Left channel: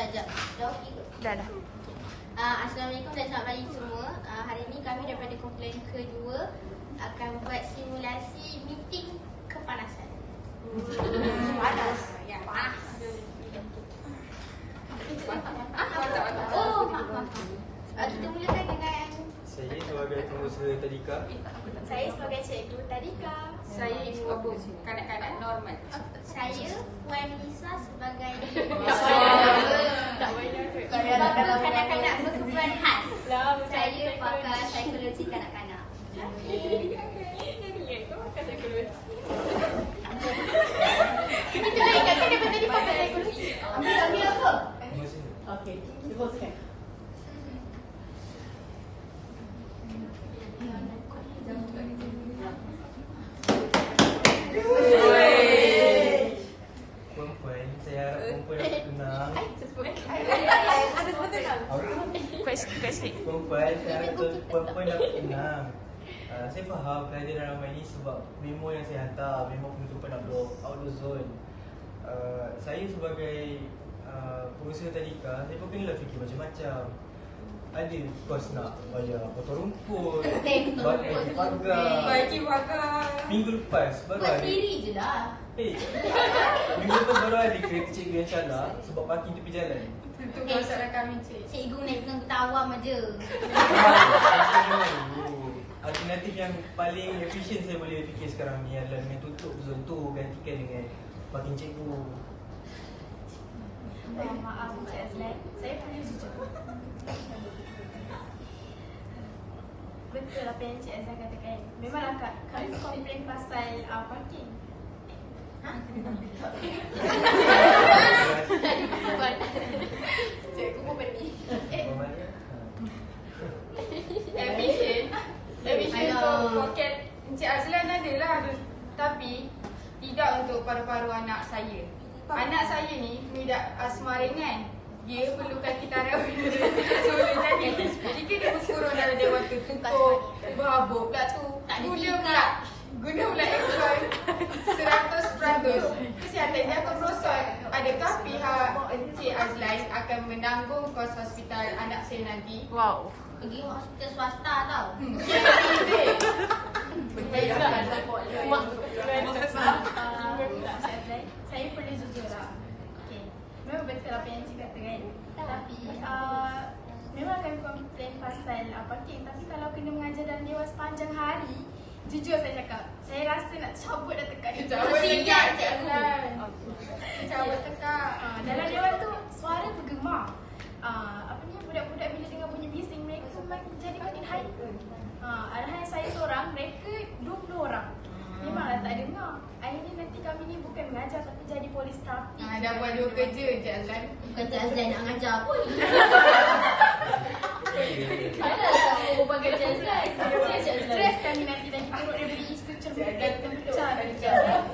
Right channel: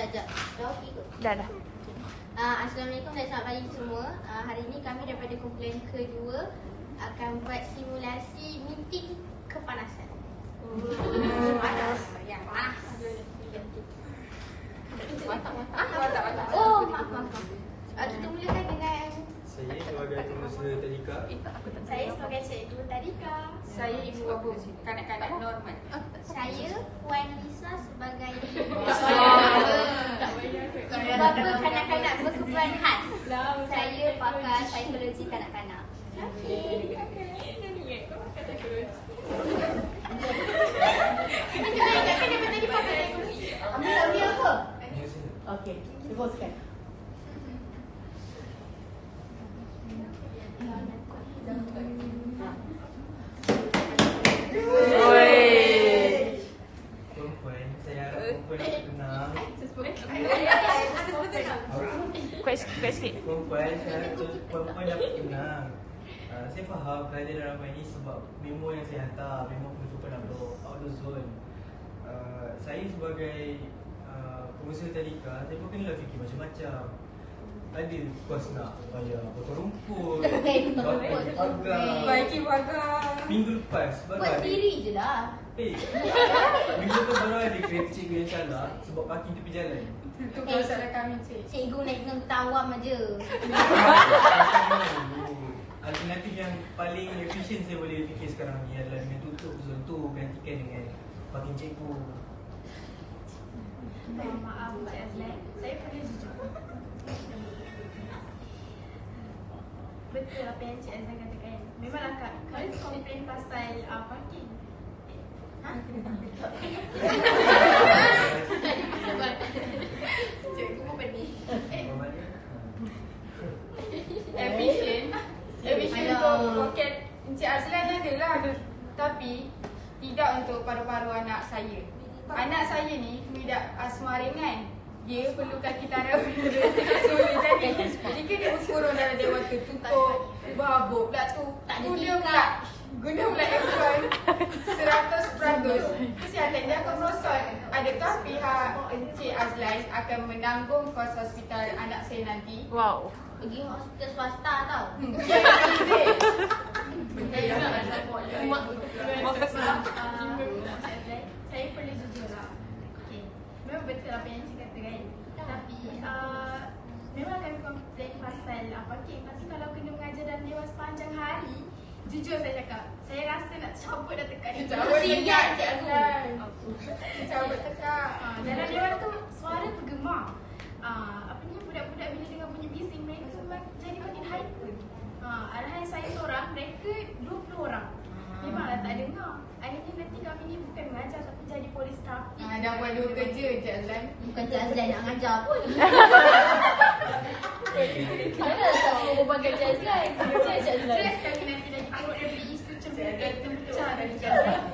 Sekejap. Dah okey ke? Dah. Assalamualaikum dan selamat pagi semua. Hari ini kami daripada kumpulan kedua akan buat simulasi meeting kepanasan. Yang panas. Oh, maaf. Kita mulakan dengan Saya sebagai pengusaha tadika. saya sebagai cikgu tadika. Saya ibu bapa kanak-kanak normal. Saya Puan Lisa sebagai ibu bapa kanak-kanak berkebutuhan khas. Saya pakar psikologi kanak-kanak. Okay, teruskan. Perempuan, saya harap perempuan dapat tenang. Kuat sikit. Perempuan, saya harap perempuan dapat tenang. Saya faham kehadiran ramai ini sebab memo yang saya hantar, memo penutupan outdoor zone. Saya sebagai pengusaha tadika, saya pun kena fikir macam-macam. Ada kos nak bayar potong rumput, baiki pagar. Baiki pagar. Minggu lepas baru Buat ada. sendiri je lah. Minggu lepas baru ada kereta cikgu yang salah sebab parking tepi jalan. Itu masalah kami, cik. Cikgu naik dengan awam aja. Alternatif yang paling efisien saya boleh fikir sekarang ni adalah dengan tutup zon tu gantikan dengan parking cikgu. Maaf Encik Azlan, saya perlu jujur. Betul apa yang Encik Azlan katakan. Memanglah kami komplain pasal parking. Cikgu pun pergi. Efisien untuk poket Encik Azlan adalah, tapi tidak untuk paru-paru anak saya. Anak saya ni mengidap asma ringan. Dia perlukan kitaran udara semula. Jadi jika dia berkurang dalam dewan tertutup, berbabuk pula tu, guna pula aircon 100%, kesihatan dia akan merosot. Adakah pihak Encik Azlan akan menanggung kos hospital anak saya nanti? Wow. Pergi hospital swasta tau. Saya perlu jujur lah. Okay. Memang betul apa yang Encik kata kan. Tapi memang akan komplain pasal parking. Tapi kalau kena mengajar dalam dewan sepanjang hari, jujur saya cakap, saya rasa nak cabut dah tekak ni. Cabut tekak Encik Azlan. Cabut tekak. Dalam dewan tu suara bergema. Apa ni, budak-budak bila dengar bunyi bising, mereka jadi makin hyper. Alhasil saya seorang, mereka 20 orang. Memanglah tak dengar. Akhirnya nanti kami ni bukan mengajar tapi jadi polis trafik. Dah buat dua kerja Encik Azlan. Bukan Encik Azlan nak mengajar pun. Mana tak semua bagi Encik Azlan. Stres kami nanti lagi turut daripada isu cermin dan pecah dari Encik Azlan.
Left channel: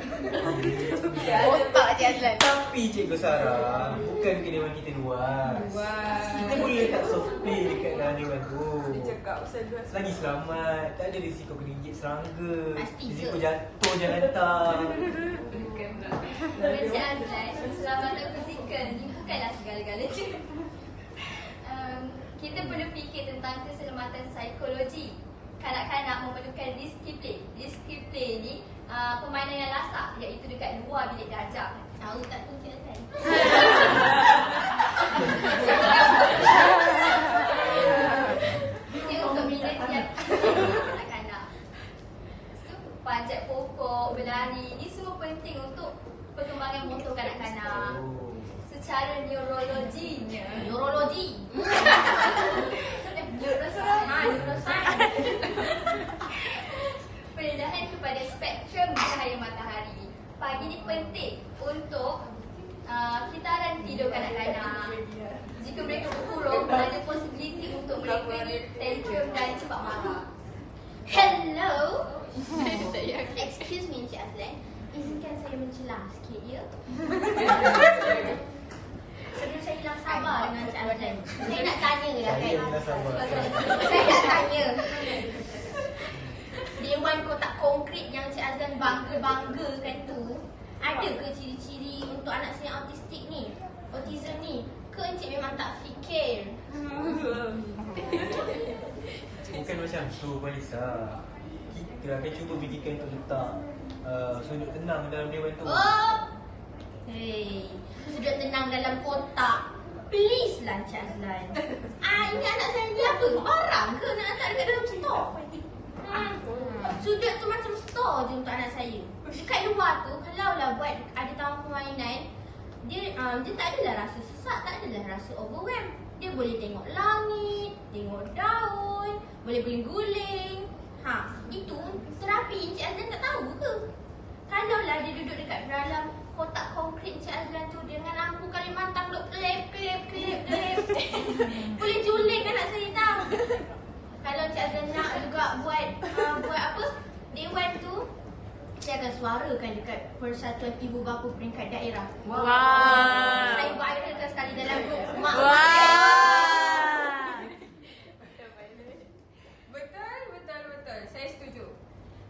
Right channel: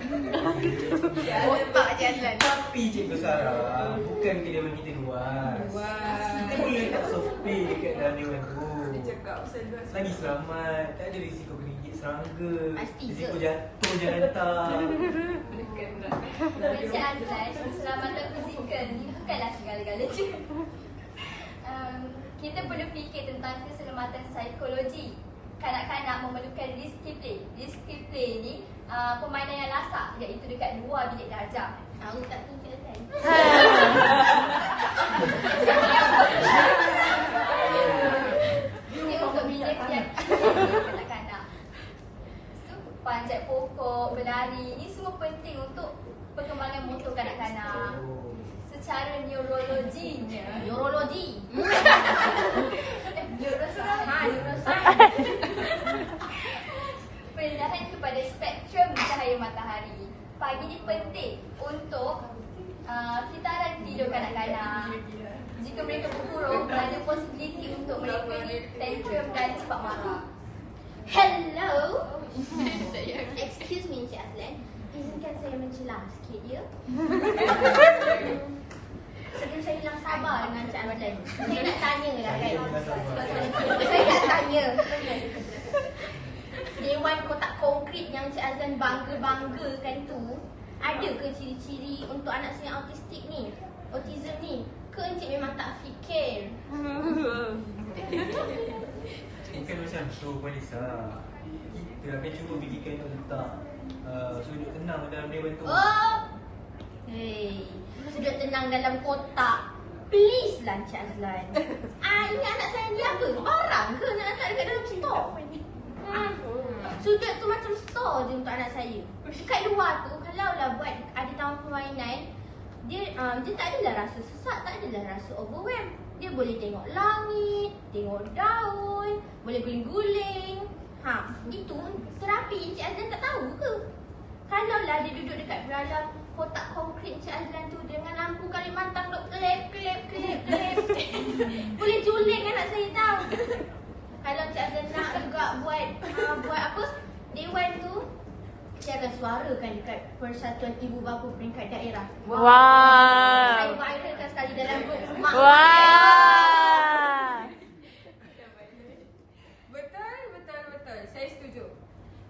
Encik Azlan. Tapi Cikgu Sarah bukan kena bagi kita luas. Kita boleh letak software dekat dalam dewan tu. Lagi selamat, tak ada risiko kena gigit serangga, Pasti risiko ke? jatuh jalan tak. Encik Azlan, keselamatan fizikal ni bukanlah segala-galanya. Kita perlu fikir tentang keselamatan psikologi. Kanak-kanak memerlukan disiplin. Disiplin ni permainan yang lasak, iaitu dekat luar bilik darjah. Tahu tak tu Encik Azlan? Ini untuk menjaga kanak-kanak. Panjat pokok, berlari, ni semua penting untuk perkembangan motor kanak-kanak. Secara neurologinya, neuroscience. Perendahan kepada spektrum cahaya matahari. Pagi ni penting untuk kitaran tidur kanak-kanak. Jika mereka berkurung, ada possibility untuk mereka ni tantrum dan cepat marah. Hello. Excuse me Encik Azlan, izinkan saya mencelah sikit ya. Sebelum saya hilang sabar dengan Encik Azlan, saya nak tanya lah kan. Saya nak tanya, Dewan Kotak Konkrit yang Encik Azlan bangga-banggakan tu, ada ke ciri-ciri untuk anak saya autistik ni, autism ni? Ke Encik memang tak fikir? Bukan macam tu Puan Lisa. Kita akan cuba fikirkan untuk letak sudut tenang dalam dewan tu. Oh! Hei, sudut tenang dalam kotak. Please lah Encik Azlan. Ini anak saya ni apa? Barang ke nak letak dekat dalam store? Sudut tu macam store je untuk anak saya. Dekat luar tu, kalau lah buat ada taman permainan, dia tak adalah rasa sesak, tak adalah rasa overwhelm. Dia boleh tengok langit, tengok daun, boleh guling-guling. Itu terapi Encik Azlan tak tahu ke? Kalau lah dia duduk dekat dalam kotak konkrit Encik Azlan tu dengan lampu Kalimantan duk klep. Boleh juling anak saya tahu. Kalau Encik Azlan nak juga buat apa? Dewan tu, saya akan suarakan dekat Persatuan Ibu Bapa Peringkat Daerah. Wah. Saya viralkan sekali dalam grup mak. Wah. Betul. Saya setuju.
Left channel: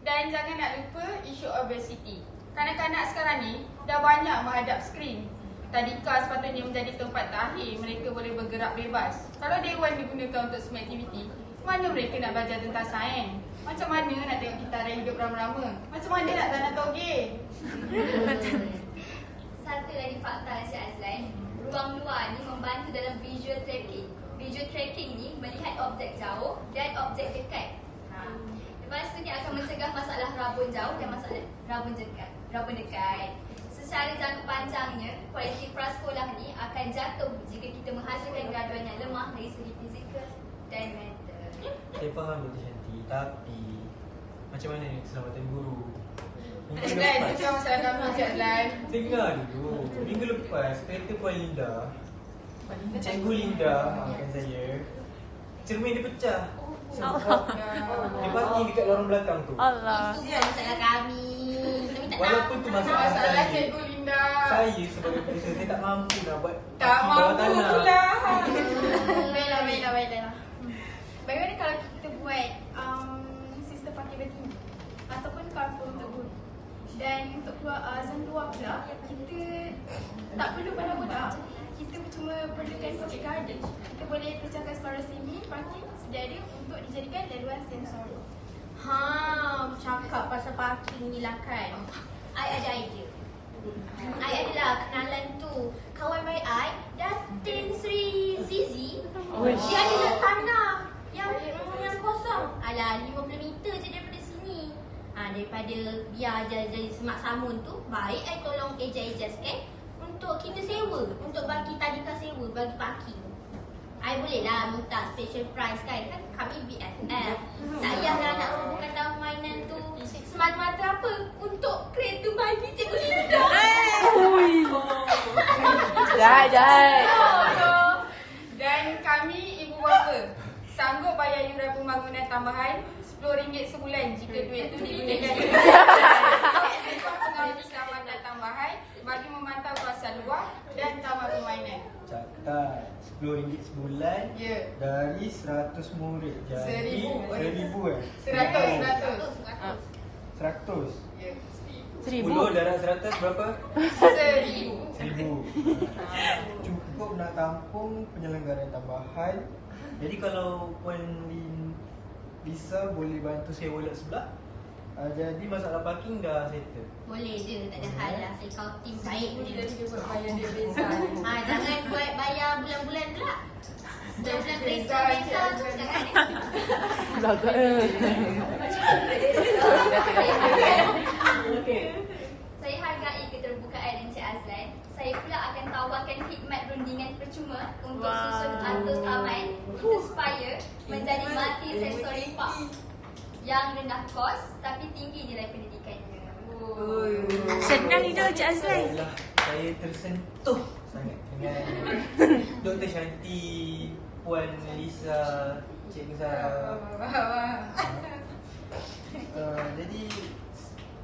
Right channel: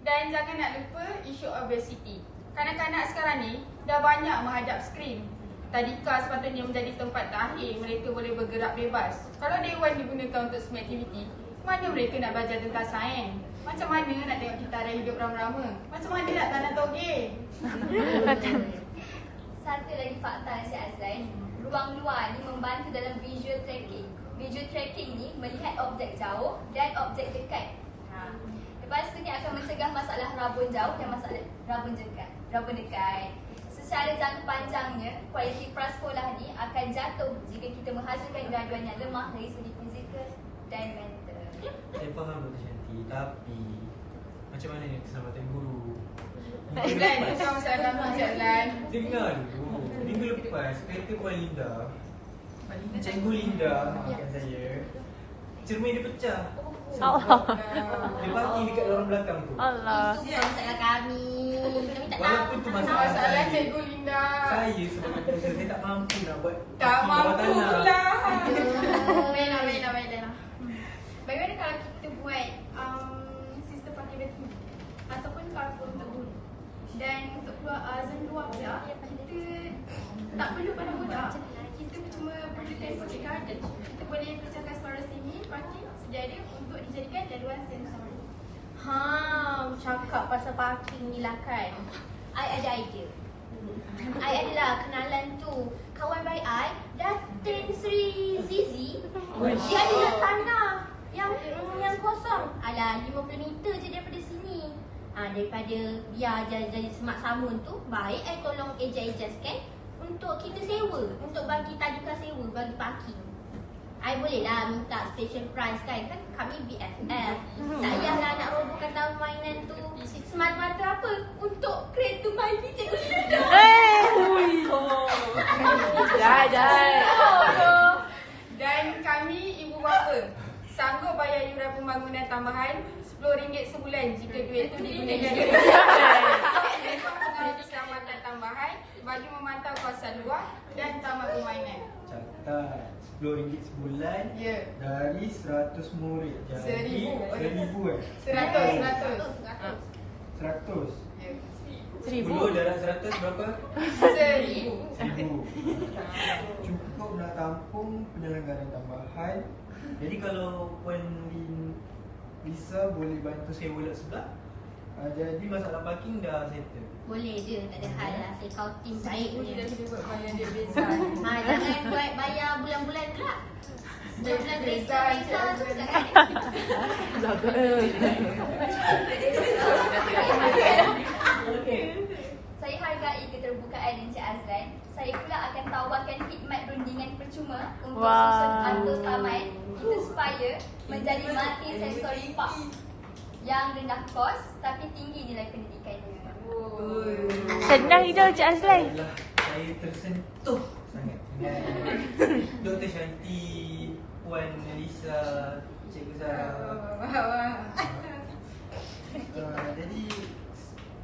Dan jangan nak lupa isu obesity. Kanak-kanak sekarang ni dah banyak menghadap skrin. Tadika sepatutnya menjadi tempat terakhir mereka boleh bergerak bebas. Kalau dewan digunakan untuk semua aktiviti, mana mereka nak belajar tentang sains? Macam mana nak tengok kita hidup rama-rama? Macam mana nak tanam toge? Satu lagi fakta Encik Azlan, ruang luar ni membantu dalam visual tracking. Visual tracking ni melihat objek jauh dan objek dekat. Lepas tu ni akan mencegah masalah rabun jauh dan masalah rabun dekat. Secara jangka panjangnya, kualiti prasekolah ni akan jatuh jika kita menghasilkan graduan yang lemah dari segi fizikal dan mental. Saya faham Dr. Shanti, tapi macam mana ni keselamatan guru? Azlan, itu kan masalah kami Encik Azlan. Dengar dulu. Minggu lepas, kereta Puan Linda, Cikgu Linda maafkan saya, cermin dia pecah. Allah. Dia parking dekat lorong belakang tu. Allah. Itu bukan masalah kami. Kita minta Walaupun tu masalah Masalah saya. Cikgu Linda. Saya sebagai profesor, saya tak mampu nak buat Tak mampu pula. Baiklah. Bagaimana kalau kita buat sistem parking tinggi ataupun carpool untuk guru? Dan untuk keluar azan luar pula, kita tak perlu pandang bodoh. Kita cuma perlukan public garden. Kita boleh pecahkan separuh sini parking sedia untuk dijadikan laluan sensori. Cakap pasal parking ni lah kan. I ada idea. I adalah kenalan tu. Kawan baik I, Datin Sri Zizi. Dia adalah tanah yang kosong. Alah, 50 meter je daripada sini. Daripada biar jadi semak samun tu, baik I tolong ejaskan untuk kita sewa, untuk bagi tadika sewa, bagi parking. I boleh lah minta special price kan kami BFF. Tak payahlah nak robohkan taman mainan tu semata-mata apa? Untuk kereta mandi Cikgu Linda. Dan kami ibu bapa sanggup bayar iuran pembangunan tambahan RM10 sebulan jika duit itu digunakan untuk pengawal keselamatan tambahan bagi memantau kawasan luar dan taman permainan. Catat RM10 sebulan dari 100 murid. Jadi 1,000 100. Ya. 10 darab 100 berapa? 1,000. 1,000. Cukup nak tampung penyelenggaraan tambahan. Jadi kalau Puan Lisa boleh bantu sewa lot sebelah, jadi masalah parking dah settle. Boleh je, tak ada hal lah. Saya kau tim baik Kita punya. kita buat bayar dia beza. Jangan buat bayar bulan-bulan pula. Bulan-bulan kereta tu jangan. Saya hargai keterbukaan Encik Azlan. Saya pula akan tawarkan khidmat rundingan percuma untuk susun atau taman kita supaya menjadi multi sensory park yang rendah kos tapi tinggi nilai pendidikannya. Senang itu Encik Azlan. Saya tersentuh sangat dengan Dr. Shanti, Puan Lisa, Cikgu Sarah. Jadi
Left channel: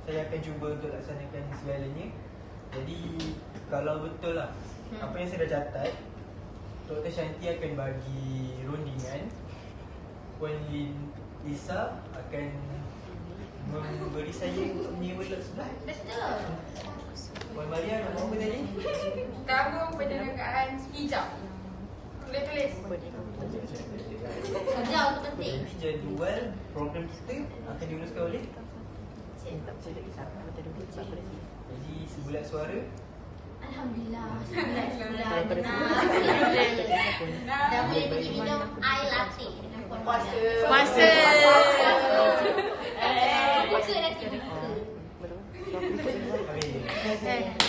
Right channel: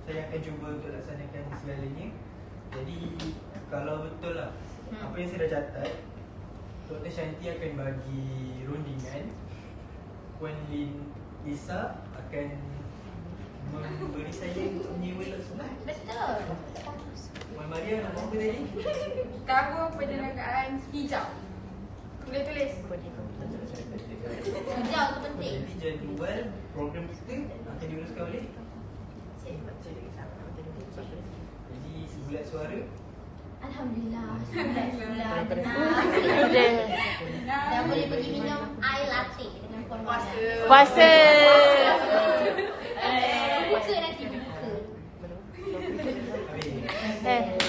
saya akan cuba untuk laksanakan segalanya. Jadi kalau betul lah apa yang saya dah catat, Dr. Shanti akan bagi rundingan, Puan Lisa akan memberi saya untuk menyewa lot sebelah. Betul. Puan Maria nak buat apa tadi? Kabur penyelenggaraan hijau. Boleh tulis. Jauh tu penting. Jadi jadual program kita akan diuruskan oleh. Jadi sebulat suara. Alhamdulillah. Alhamdulillah. Tenang. Dah boleh pergi minum air latte dengan puan Wala. Puasa. Buka nanti buka. Okey. Eh.